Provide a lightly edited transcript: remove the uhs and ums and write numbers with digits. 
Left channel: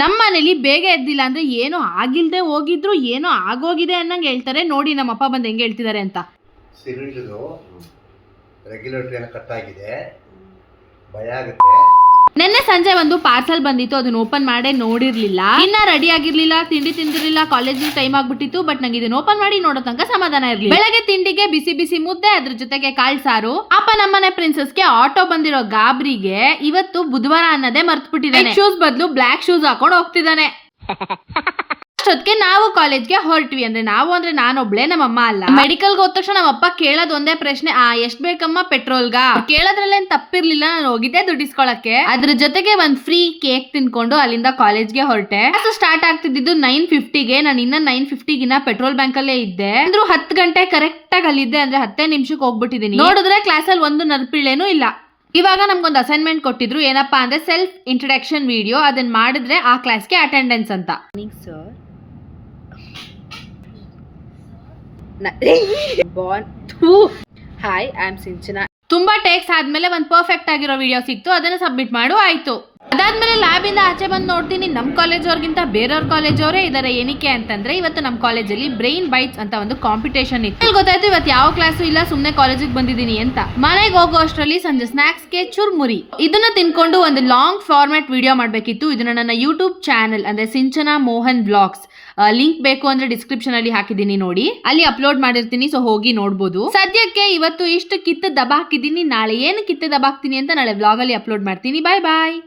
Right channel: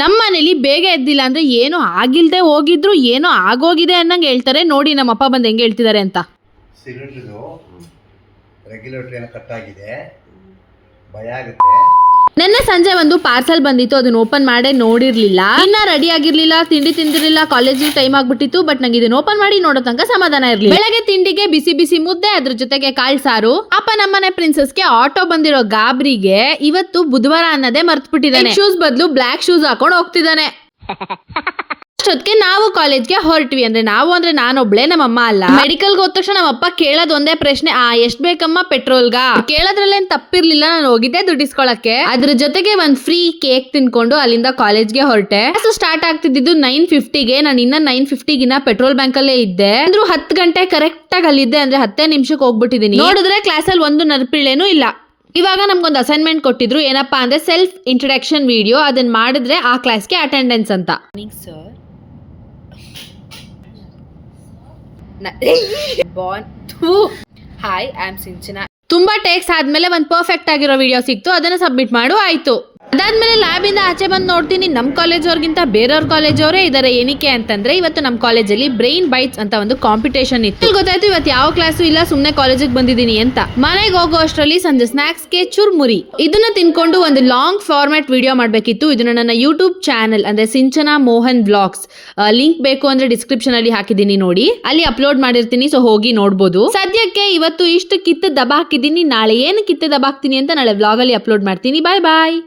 ನಮ್ಮ ಮನೇಲಿ ಬೇಗ ಎದ್ದಿಲ್ಲ ಅಂದ್ರೆ ಏನೋ ಆಗಿಲ್ದೆ ಹೋಗಿದ್ರು ಏನೋ ಆಗೋಗಿದೆ ಅನ್ನಂಗೆ ಹೇಳ್ತಾರೆ. ನೋಡಿ ನಮ್ಮ ಅಪ್ಪ ಬಂದು ಹೆಂಗೆ ಹೇಳ್ತಿದ್ದಾರೆ ಅಂತ. ಸಿಲಿಂಡರ್ ರೆಗ್ಯುಲೇಟರ್ ಎಲ್ಲ ಕಟ್ ಆಗಿದೆ, ಭಯ ಆಗುತ್ತೆ. ನಿನ್ನೆ ಸಂಜೆ ಒಂದು ಪಾರ್ಸಲ್ ಬಂದಿತ್ತು, ಅದನ್ನ ಓಪನ್ ಮಾಡೇ ನೋಡಿರ್ಲಿಲ್ಲ. ಇನ್ನ ರೆಡಿ ಆಗಿರ್ಲಿಲ್ಲ, ತಿಂಡಿ ತಿಂದಿರಲಿಲ್ಲ, ಕಾಲೇಜಿಗೆ ಟೈಮ್ ಆಗ್ಬಿಟ್ಟಿತ್ತು. ಬಟ್ ನಂಗೆ ಇದನ್ನ ಓಪನ್ ಮಾಡಿ ನೋಡೋ ತನಕ ಸಮಾಧಾನ ಇರ್ಲಿಲ್ಲ. ಬೆಳಗ್ಗೆ ತಿಂಡಿಗೆ ಬಿಸಿ ಬಿಸಿ ಮುದ್ದೆ, ಅದ್ರ ಜೊತೆಗೆ ಕಾಳ್ ಸಾರು. ಅಪ್ಪ ನಮ್ಮನೆ ಪ್ರಿನ್ಸಸ್ಗೆ ಆಟೋ ಬಂದಿರೋ ಗಾಬ್ರಿಗೆ ಇವತ್ತು ಬುಧವಾರ ಅನ್ನೋದೇ ಮರ್ತ್ಬಿಟ್ಟಿದ್ದಾನೆ. ಶೂಸ್ ಬದಲು ಬ್ಲಾಕ್ ಶೂಸ್ ಹಾಕೊಂಡು ಹೋಗ್ತಿದ್ದಾನೆ. ಅಷ್ಟೊತ್ತಿಗೆ ನಾವು ಕಾಲೇಜ್ಗೆ ಹೊರಟ್ವಿ. ಅಂದ್ರೆ ನಾವು ಅಂದ್ರೆ ನಾನೊಬ್ಳೆ, ನಮ್ಮಮ್ಮ ಅಲ್ಲ. ಮೆಡಿಕಲ್ಗೆ ಹೋದ ತಕ್ಷಣ ನಮ್ಮಪ್ಪ ಕೇಳೋದ್ ಒಂದೇ ಪ್ರಶ್ನೆ, ಎಷ್ಟ್ ಬೇಕಮ್ಮ ಪೆಟ್ರೋಲ್ಗ? ಕೇಳೋದ್ರಲ್ಲೇನ್ ತಪ್ಪಿರ್ಲಿಲ್ಲ, ನಾನು ಹೋಗಿದ್ದೆ ದುಡ್ಡಿಸ್ಕೊಳಕ್ಕೆ. ಅದ್ರ ಜೊತೆಗೆ ಒಂದ್ ಫ್ರೀ ಕೇಕ್ ತಿನ್ಕೊಂಡು ಅಲ್ಲಿಂದ ಕಾಲೇಜ್ಗೆ ಹೊರಟೆ. ಸ್ಟಾರ್ಟ್ ಆಗ್ತಿದ್ದು 9:50ಗೆ. ನಾನು ಇನ್ನ 9:50ಗಿನ ಪೆಟ್ರೋಲ್ ಬ್ಯಾಂಕ್ ಅಲ್ಲೇ ಇದ್ದೆ. ಅಂದ್ರೂ 10 ಗಂಟೆ ಕರೆಕ್ಟ್ ಆಗಿ ಅಲ್ಲಿದ್ದೆ. ಅಂದ್ರೆ 10 ನಿಮಿಷಕ್ಕೆ ಹೋಗ್ಬಿಟ್ಟಿದೀನಿ. ನೋಡಿದ್ರೆ ಕ್ಲಾಸಲ್ಲಿ ಒಂದು ನರ್ಪಿಳೇನೂ ಇಲ್ಲ. ಇವಾಗ ನಮ್ಗೊಂದು ಅಸೈನ್ಮೆಂಟ್ ಕೊಟ್ಟಿದ್ರು. ಏನಪ್ಪಾ ಅಂದ್ರೆ ಸೆಲ್ಫ್ ಇಂಟ್ರಡಕ್ಷನ್ ವಿಡಿಯೋ. ಅದನ್ನ ಮಾಡಿದ್ರೆ ಆ ಕ್ಲಾಸ್ಗೆ ಅಟೆಂಡೆನ್ಸ್ ಅಂತ. Sir. Hi, I'm Sinchana. ತುಂಬಾ ಟೇಕ್ಸ್ ಆದ್ಮೇಲೆ ಒಂದು ಪರ್ಫೆಕ್ಟ್ ಆಗಿರೋ ವಿಡಿಯೋ ಸಿಕ್ತು, ಅದನ್ನ ಸಬ್ಮಿಟ್ ಮಾಡು ಆಯ್ತು. ಅದಾದ್ಮೇಲೆ ಲ್ಯಾಬ್ ಇಂದ ಆಚೆ ಬಂದು ನೋಡ್ತೀನಿ, ನಮ್ ಕಾಲೇಜ್ ಅವ್ರಿಗಿಂತ ಬೇರೆಯವ್ರ ಕಾಲೇಜ್ ಅವರೇ ಇದಾರೆ. ಏನಕ್ಕೆ ಅಂತಂದ್ರೆ ಇವತ್ತು ನಮ್ ಕಾಲೇಜಲ್ಲಿ ಬ್ರೈನ್ ಬೈಟ್ಸ್ ಅಂತ ಒಂದು ಕಾಂಪಿಟೇಷನ್ ಇತ್ತು. ಗೊತ್ತಾಯ್ತು ಇವತ್ತು ಯಾವ ಕ್ಲಾಸು ಇಲ್ಲ, ಸುಮ್ನೆ ಕಾಲೇಜಿಗೆ ಬಂದಿದ್ದೀನಿ ಅಂತ. ಮನೆಗೆ ಹೋಗೋ ಅಷ್ಟರಲ್ಲಿ ಸಂಜೆ ಸ್ನಾಕ್ಸ್ಗೆ ಚುರ್ಮುರಿ ಇದನ್ನ ತಿನ್ಕೊಂಡು ಒಂದು ಲಾಂಗ್ ಫಾರ್ಮ್ಯಾಟ್ ವಿಡಿಯೋ ಮಾಡ್ಬೇಕಿತ್ತು. ಇದನ್ನ ನನ್ನ ಯೂಟ್ಯೂಬ್ ಚಾನಲ್ ಅಂದ್ರೆ ಸಿಂಚನಾ ಮೋಹನ್ ವ್ಲಾಗ್ಸ್ ಲಿಂಕ್ ಬೇಕು ಅಂದ್ರೆ ಡಿಸ್ಕ್ರಿಪ್ಷನ್ ಅಲ್ಲಿ ಹಾಕಿದೀನಿ, ನೋಡಿ. ಅಲ್ಲಿ ಅಪ್ಲೋಡ್ ಮಾಡಿರ್ತೀನಿ, ಸೊ ಹೋಗಿ ನೋಡ್ಬೋದು. ಸದ್ಯಕ್ಕೆ ಇವತ್ತು ಇಷ್ಟು ಕಿತ್ತು ದಬಾಕಿದ್ದೀನಿ. ನಾಳೆ ಏನು ಕಿತ್ತು ದಬಾಕ್ತೀನಿ ಅಂತ ನಾಳೆ ವ್ಲಾಗ್ ಅಲ್ಲಿ ಅಪ್ಲೋಡ್ ಮಾಡ್ತೀನಿ. ಬಾಯ್ ಬಾಯ್.